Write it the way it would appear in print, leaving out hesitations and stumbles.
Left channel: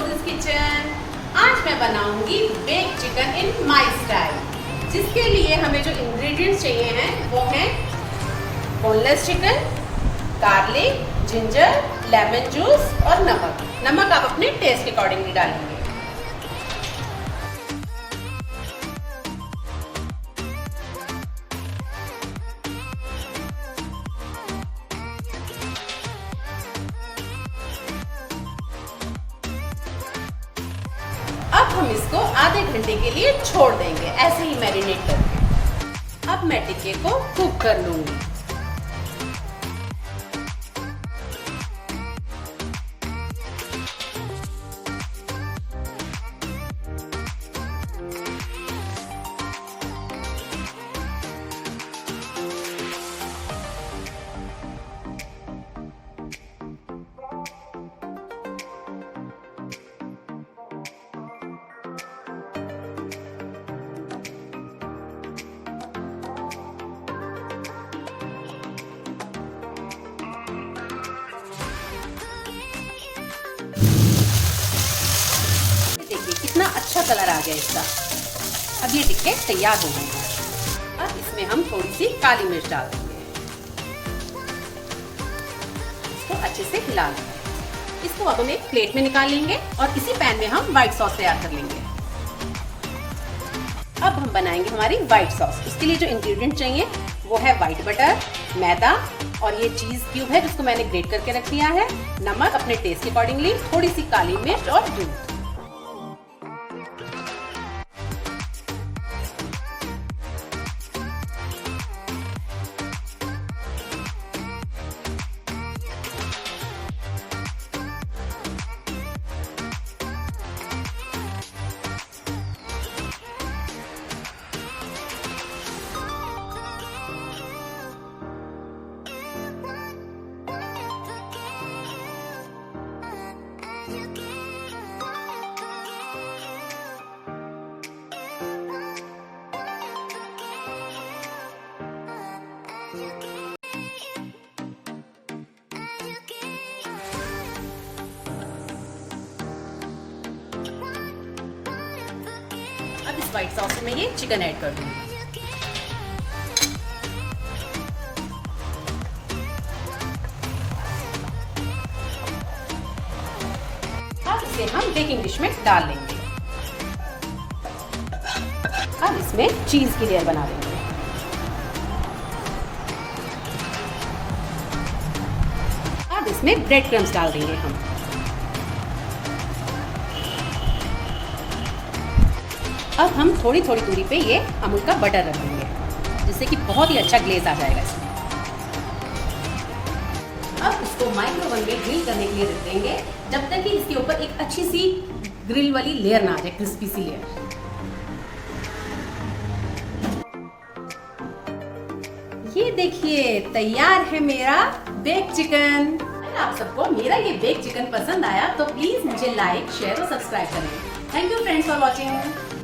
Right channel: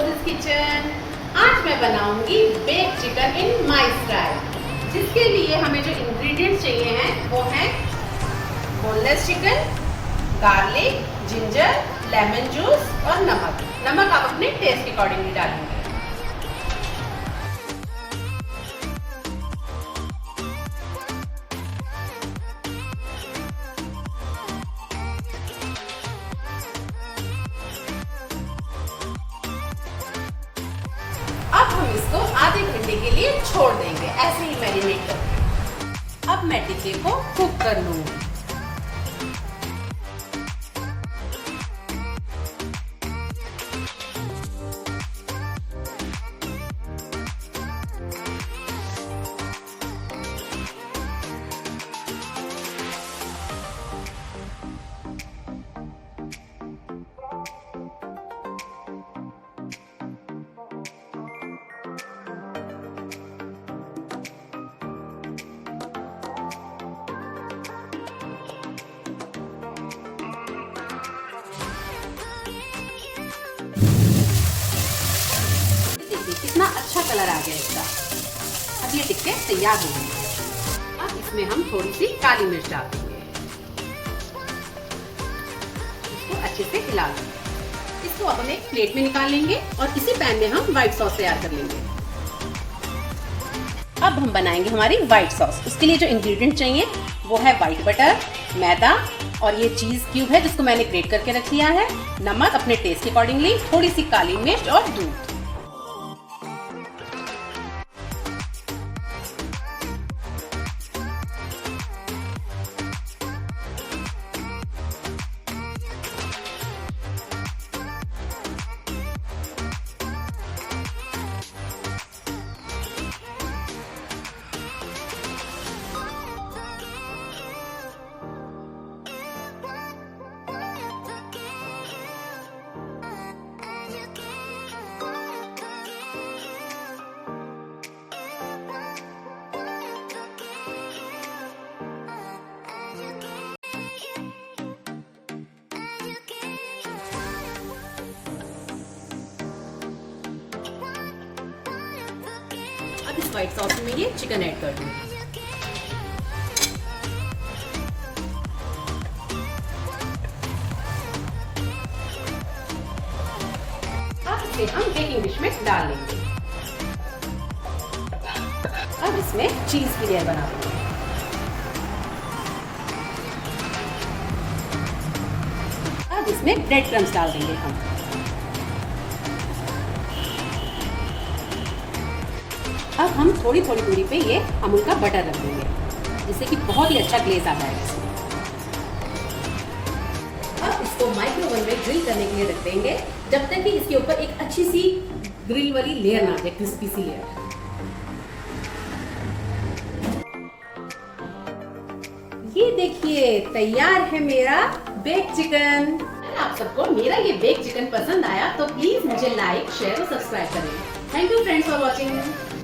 Roses kitchen. आज मैं बनाऊंगी bake chicken in my style. जिसके लिए हमें जो इंग्रेडिएंट्स चाहिए हैं वो है boneless chicken, garlic, ginger, lemon juice और नमक। नमक आप अपने टेस्ट के अकॉर्डिंगली डालेंगे। अब हम इसको आधे घंटे के लिए छोड़ देंगे, ऐसे ही मैरिनेट करके। अब मैं टिक्के को कुक कर लूंगी। कितना अच्छा कलर आ गया इसका। अब ये टिक्के तैयार हो गए। अब इसमें हम थोड़ी सी काली मिर्च डाल देंगे। इसको अच्छे से हिला देंगे। इसको अब हम एक प्लेट में निकाल लेंगे और इसी पैन में हम व्हाइट सॉस तैयार कर लेंगे। अब हम बनाएंगे हमारी व्हाइट सॉस। उसके लिए जो इंग्रेडिएंट चाहिए वो है व्हाइट बटर, मैदा और ये चीज क्यूब है जिसको मैंने ग्रेट करके रख लिया है, नमक अपने टेस्ट के अकॉर्डिंगली, थोड़ी सी काली मिर्च और दूध। अब इस व्हाइट सॉस में ये चिकन ऐड कर दूंगी। अब इसे हम बेकिंग डिश में डाल लेंगे। अब इसमें चीज की लेयर बना लेंगे। अब इसमें ब्रेड क्रम्स डाल देंगे हम। अब हम थोड़ी थोड़ी दूरी पे ये अमूल का बटर रख देंगे जिससे कि बहुत ही अच्छा ग्लेज आ जाएगा इसमें। अब इसको माइक्रोवेव में ग्रिल करने के लिए रख देंगे जब तक कि इसके ऊपर एक अच्छी सी ग्रिल वाली लेयर ना आ जाए, क्रिस्पी सी लेयर। ये देखिए तैयार है मेरा बेक चिकन। अगर आप सबको मेरा ये बेक चिकन पसंद आया तो प्लीज मुझे लाइक, शेयर और सब्सक्राइब करें। Thank you friends for watching.